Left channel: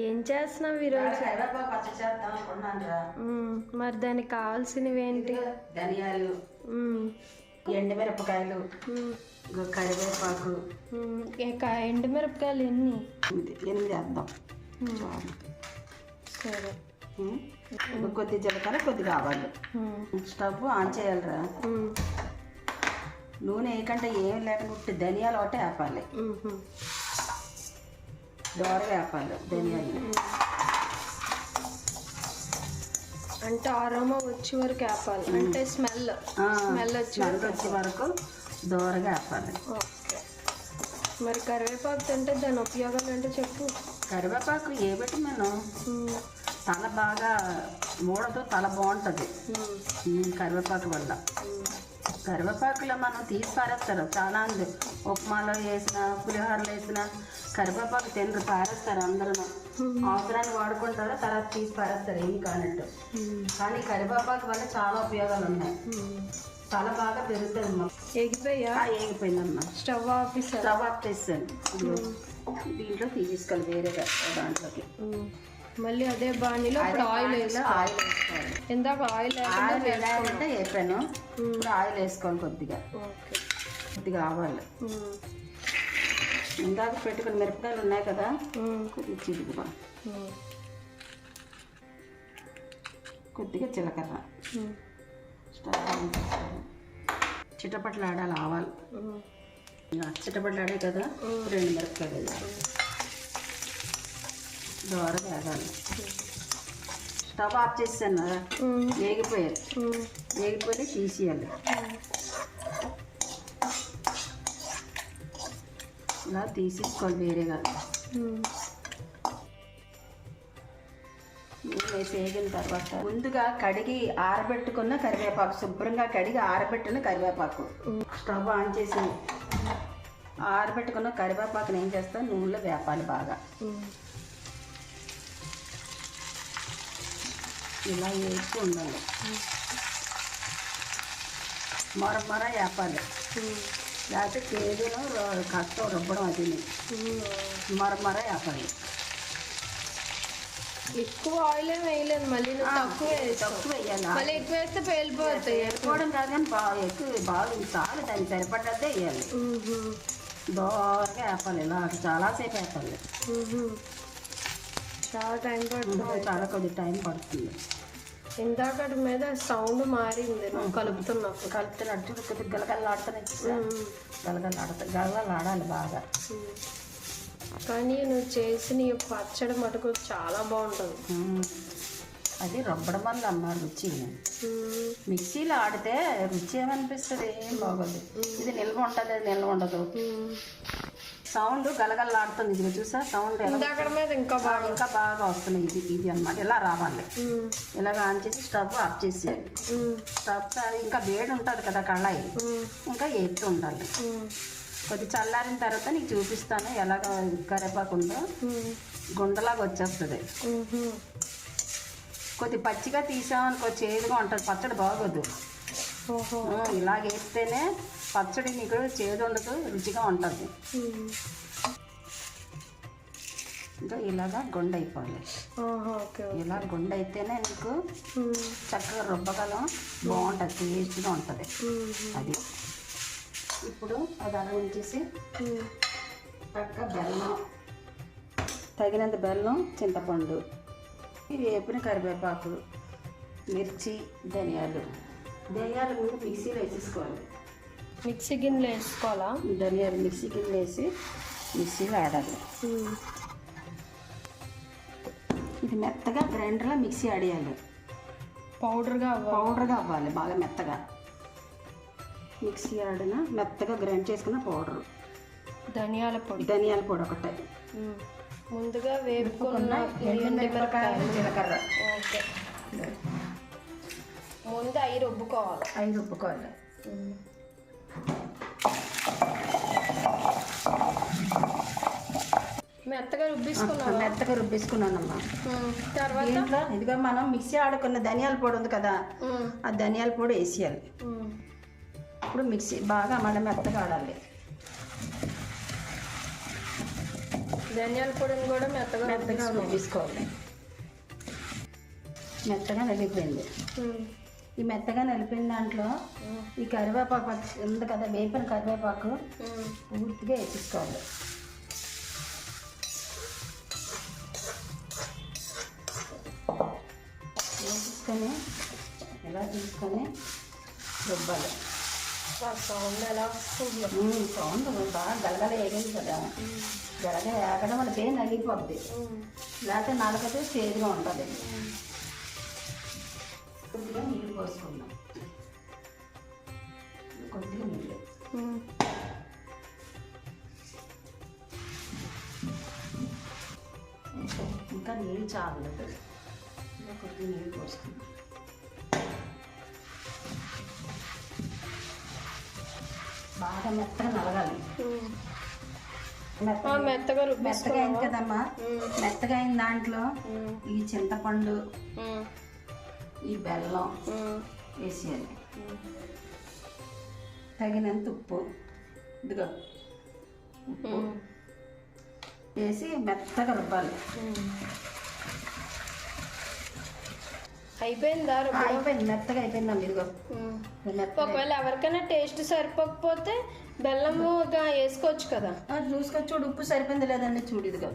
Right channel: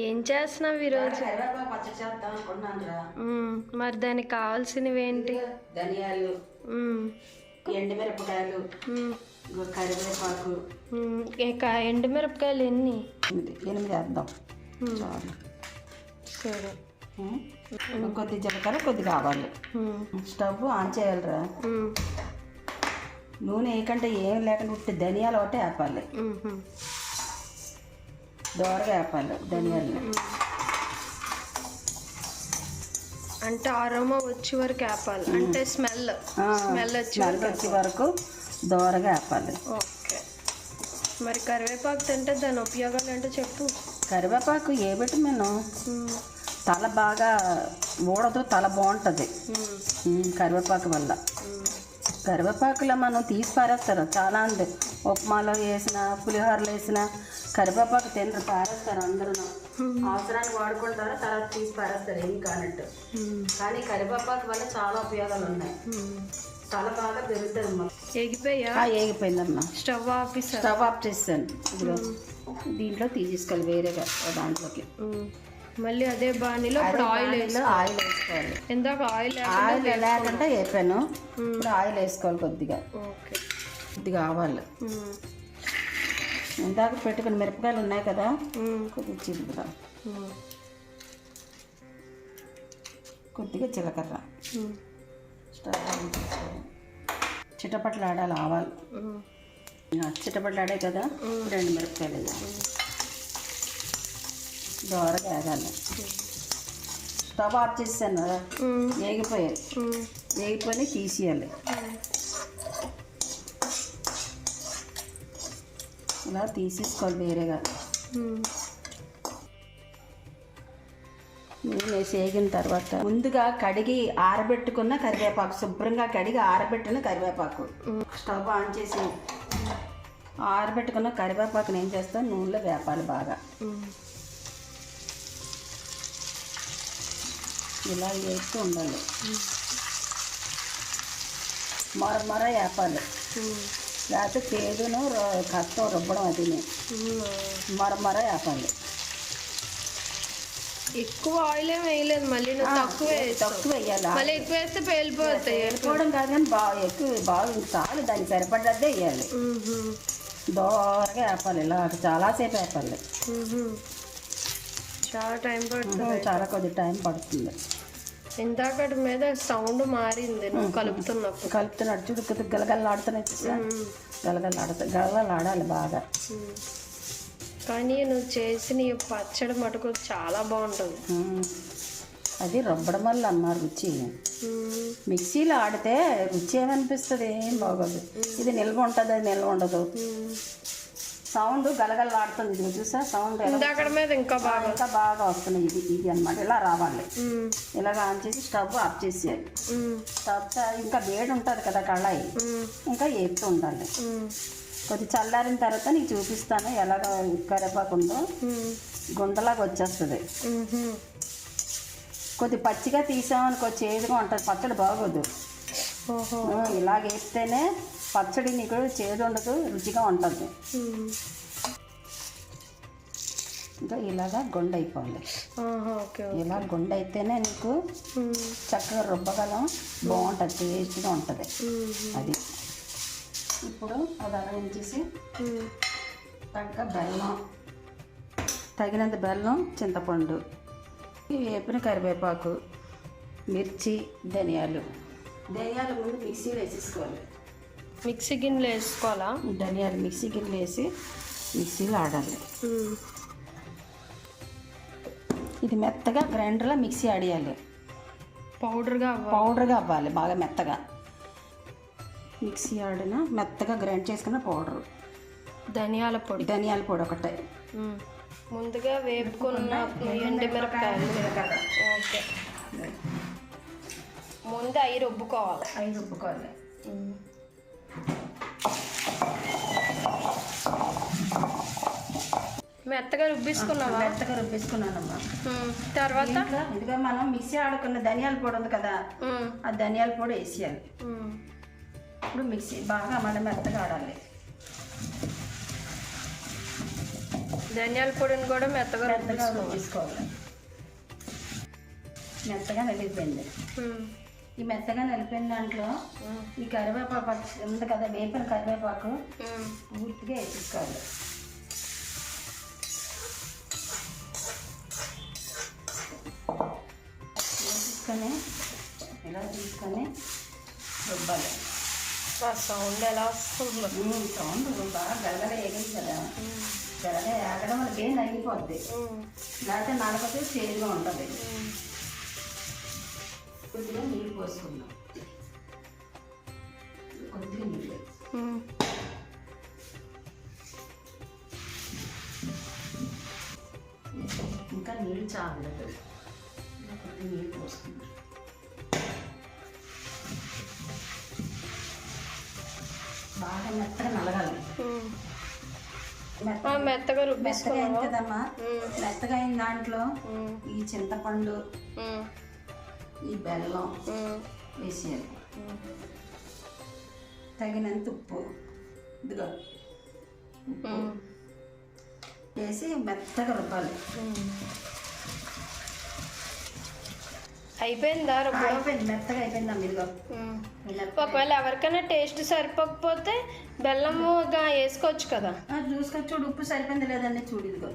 ఏం చేస్తున్నావు ఈరోజు? కరివేపాకు పచ్చడి చేద్దాం అనుకున్నాను రా. మరి దానికి కావాల్సినవి ఏంటి? ధనియాలు, ఎండుమిరపకాయలు, కరివేపాకు. ఎండుమిరపకాయలు ఎన్ని? 8 వేద్దాం. సరే. కొద్ది జీలకర్ర, కొద్దిగా ఆవాలు. స్టవ్ ఆన్ చేయాలిరా. నూనె ఏకంటే ఏం లేకుండా ధనియాలు ఒకటే వేపాలి. దోరగా వేపాలి ధనియాలు. అంటే అరోమా వచ్చే వరకు వేపాలి, అంటే స్మెల్ వచ్చే వరకు దోరగా వేపాలి. ఓకే. మరి కరివేపాకు తింటే దాని ఉపయోగాలు ఏంటో చెప్పు. కరివేపాకు ఏ విటమిన్, తల బాగా ఊడదు, తల బాగుంటుంది కరివేపాకు వల్ల. కరివేపాకులో మనం తీసి పారేస్తారు చాలా మంది. ఉప్మాలో వేసిన, పులిహోరలు వేసిన కరివేపాకు తినరు, పారేస్తారు అందరూ. అవసరాన్ని వాడుకుంటారు, తర్వాత తీసి పారేస్తారు ఏం కానట్టు. కానీ కరివేపాకు వల్ల చాలా ఉపయోగాలు ఉన్నాయి. తల బాగా పెరుగుతుంది. మాకు ఏగిపోయిందమ్మా. స్టవ్ ఆఫ్ చేస్తాను. దీంట్లో తీసుకోవాలి వేరేగా దాంట్లోకి. మళ్ళీ అదే బాణీలో ఇప్పుడు ఆయిల్ వేసుకోవాలి. ఇందాక ఆయిల్ లేకుండా వేపాను, ఆయిల్ వేసుకోవాలి కొద్దిగా. కొద్దిగా ఆవాలు, ఇందాక పెట్టుకుని మిరపకాయలు ఉన్నాయి కదా, కొద్దిగా చిలుపుదాం. కొద్దిగా జీలకర్ర, స్టవ్ చిటపట్లు ఆడాలి ఆవాలు. చిటపట్లు ఆడే కదా, 2 మిరపకాయలు దోరగా వేగాలి. స్టవ్ ఆఫ్ చేసాను కదా, వేగిపోయి తీసేయాలి. ఇలా తీసేసుకోవాలి వేరేగా. వేగిన తర్వాత ముందుగా కడిగి ఆరబెట్టుకున్న కరివేపాకు, శుభ్రంగా కడిగి ఆరబెట్టిన కరివేపాకు. స్టవ్ ఆన్ చేసి ఆరబెట్టుకున్న కరివేపాకుని ఏం చేస్తాం, నూనెలో వేపాలి బాగా. ఇలా వేస్తూ ఉండాలి, మర వేపాలి. లేకపోతే కేదును కష్టం రుబ్బడం, అది మర వేపాలి. ఎక్కువ ఆయిల్ ఏమి వేయలేదు, మళ్ళీ నువ్వు తక్కువ వేయాలి. మళ్ళీ ఎక్కువ వేస్తే పేలిపోతాయి. వేసుకోవడం కాదు కానీ బాగా చాలు, దానికి సరిపడ్డదే వేయాలి. దోరగా వేపాలి. ఇలా చాలాసేపు వేపాలి. చాలా టైం పడుతుంది. చాలా కొద్ది టైం పడుతుంది. ఇందాకటి మీద సౌండ్ మారింది నువ్వు కలుపుతున్నాడు చూడు, కొద్దిగా గలగలలాడుతున్నాయి. గలగలలాడాలి బాగా. కానీ నువ్వు చేసిన ఈ పచ్చడి మటుకు చాలా బాగుంటుంది. అది రుబ్బడం వల్ల అమ్మ రుచి. మిక్సీలో ఆడితే రుచి ఏమనిపిస్తుంది, ఏం బాగోదు. ఇది నిల్వ ఉంటుంది, అది నిల్వ ఉండదు. సౌండ్ గలగలలాడుతుంది, ఇది చూసా సౌండ్ ఇంకా బాగా వస్తుంది. ఇది అన్నమాట. ఇలా రావాలి. ఇలాగ ఆన్ చేసి స్టవ్ ఆఫ్ చేసేయాలి. స్టవ్ ఇంకా వేడి ఉంటుంది కదా కళాయి, ఇంకా వేస్తూ ఉండాలి. కొద్ది చల్లారిన తర్వాత నీకు చూపిస్తాను ఎలాగ కరివేపాకు ఉందో. గుండలాగా వచ్చేస్తుంది. కొద్ది పచ్చిగా తీసామనుకో చేదుగా ఉంటుంది, పచ్చడి బాగోదు. ఇలాగ వేస్తేనే పచ్చడి నీకు చేదు ఉండదు, రుచిగా ఉంటుంది. ఇంకా ఇలాగా గుండె అయిపోవాలి. ఇలా గుండె అయితేనే నీకు చక్కగా రుబ్బగలం, బాగుంటుంది, టేస్ట్గా ఉంటుంది. అది ఇప్పుడు అది అరేంచేసి తగినంత బెల్లం, చింతపండు, వేపిన కరివేపాకు, మిర్చి, ధనియాలు మిక్సీలో వేసేసుకోవాలి. మిక్సీ గిన్నెలో వేసుకోవాలా? ధనియాలు మిక్సీ గిన్నెలో వేసి మిక్సీలో ఆడాలి. ఇది మెత్తగా గ్రైండర్లో మిక్సీ ఆడేయాలి. పౌడర్గా అవ్వాలి బాగా మెత్తగా. మిక్సీ ఆడిన మెత్తగా గ్రైండ్ చేసుకున్న పౌడర్. ధనియాల పొడి ఒకటే. ముందుగా వేపుకున్న ఎండుమిరపకాయలు. ఓకే. ముందు అవి రుబ్బుకోవాలి. మెత్తగా రుబ్బేసుకున్నానమ్మా. తర్వాత ఇదిగో మనం మిక్సీ ఆడుకున్న ధనియాల పొడి ఉంది కదా, ఆ ధనియాల పొడి వేసేయాలి. ఇప్పుడు మిక్సీ బాగా మళ్ళీ మెత్తగా ఆడాలి. ధనియాల పొడిని కూడా మెత్తగా తీసుకోవాలి. మెత్తగా నలిగిపోయింది. ఈ మెత్తగా నలిపిన దాంట్లో ఈ కరివేపాకు ఉంది కదా, వేపిన కరివేపాకు పూర్తిగా వేసుకోవాలి. ఇలా తీసుకొని రుబ్బాలి. సౌండ్ ఎలా వస్తుంది? సౌండ్ బాగా గల్లగా వేగింది కదా, గల్లగా వేగడం వల్ల ఏం నలిగిపోద్ది, లేకపోతే నలగతే చేదుగా ఉంటుంది. కొద్దిగా నీళ్ళు పోసుకుందాం. కొద్దిగా నీళ్ళు, ఇంకా నీళ్ళు చాలలేదు, కొద్దిగా నీళ్ళు పోసుకుందాం. బాగా మెత్తగా నలగాలి. మెత్తగా రుబ్బేసుకున్నాం కదమ్మా. మెత్తగా అయిన దాంట్లో ఈ చింతపండు, ఈ బెల్లం వేసేయాలి, తగినంత ఉప్పు, ఇదిగో ఉప్పు వేసి మెత్తగా రుబ్బాలి. అయిపోయిందా రుబ్బడం? అయిపోయింది, మెత్తగా అయిపోయిందమ్మా. ఇదిగో ఒకవేళ ఎవరికైనా టేస్ట్ సరిపోకపోతే బెల్లముగా వేసుకోవచ్చు కదా. చూసుకొని చూడు, ఉప్పు సరిపోయింది లేదండి, చూడు ఇదిగో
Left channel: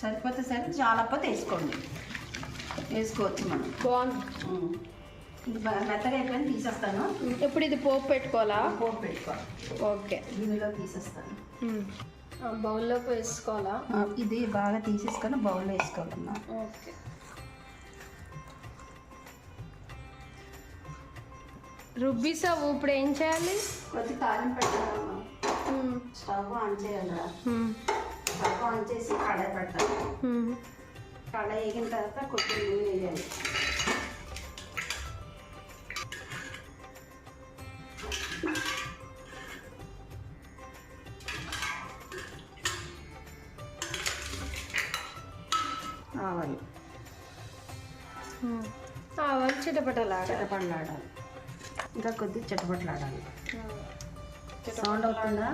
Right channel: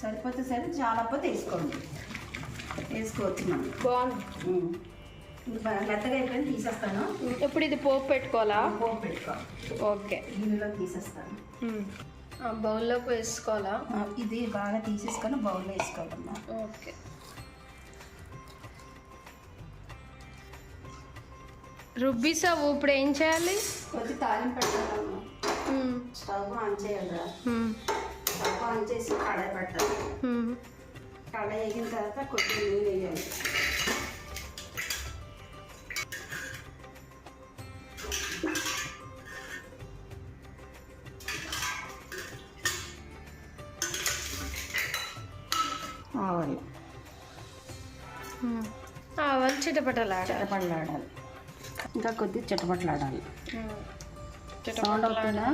సరిపోతే సరే, చాలకపోతే వేసుకోండి, వేసుకోవచ్చు మనం. బాగుంది, మెత్తగా అయిపోయింది, తీసేస్తాను. ఇప్పుడు ఇది పోపు పెట్టుకోవాలా? పోపు పెట్టుకోవాలి. ఓకే, దీనిలో తీసేస్తాను. బౌల్లోకి వేసుకోవాలా? ఇది బాగా తీసేసుకొని బౌల్లో వేసుకోవాలమ్మా. ఓకే, రుబ్బిసావు. ఇప్పుడు ఏం చేయాలి? కొద్ది తాలింపు పెట్టాలమ్మా. స్టవ్ ఆన్ చేయాలి. స్టవ్ ఆన్ చేసి కడాయి పెట్టాలి. కడాయి వేగిన తర్వాత కొద్దిగా నూనె వేయాలి. ఆవాలు, ఆవాలు చిటపటలాడాలి. ఇంకా కొద్దిగా చిటపటలాడాలి. సౌండ్ అవుతుందా?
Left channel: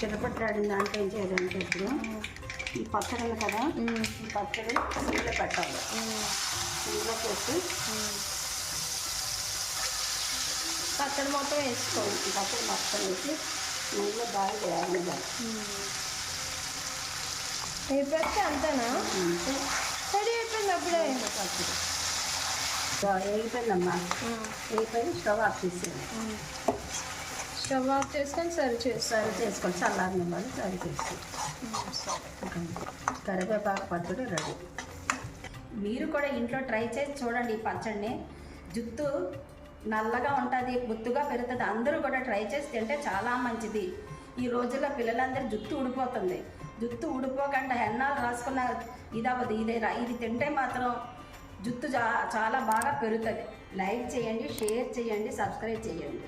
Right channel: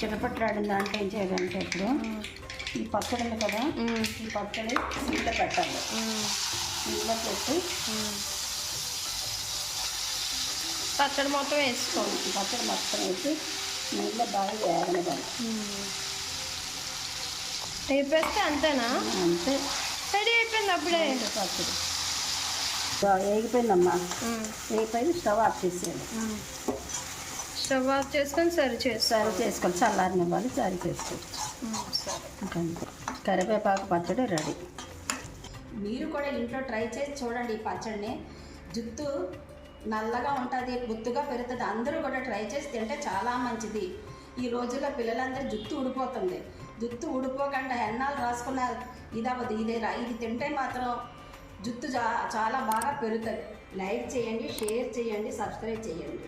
చిటపటలాడిన దాంట్లో ఏం చేయాలంటే ఇప్పుడు ఈ పచ్చడి కదా, ఈ పచ్చడి నీళ్ళు పెట్టాలి. నీళ్ళు పెట్టి పచ్చడి మొత్తం వేసుకోవాలి. పచ్చడి మొత్తం వేసి నీళ్ళు బాగా వేగనివ్వాలి. వేపేస్తే అంతేనా? అంతే, రెడీ అయిపోయింది అప్పుడే. వేగిపోయిందమ్మా. వేగిపోయి స్టవ్ ఆఫ్ చేసేయాలి. స్టవ్ ఆఫ్ చేసుకొని సర్వ్ చేసుకోవాలి. చల్లారనివ్వాలి, సర్వ్ చేసుకోవచ్చు. కరివేపాకు పచ్చడి రెడీ. మీరు కూడా ఇంట్లో ట్రై చేసి చూడండి. ఈ పచ్చడిని జుట్టు నల్లగా ఉంటుంది, గుత్తుగా పెరుగుతుంది. అందరూ కూడా ట్రై చేసి తింటే చాలా మంచిది. ఈ రోజుల్లో పిల్లలందరూ జుట్టు ఊడిపోతుంది. జుట్టు ఊడిపోకుండా ఎన్నాళ్ళు రాసుకున్న ఇదవ్వదు. ఇది తింటే మాత్రం జుట్టు చాలా బాగా పెరుగుతుంది. లైక్ చేయండి, షేర్ చేయండి, సబ్స్క్రైబ్ చేయండి.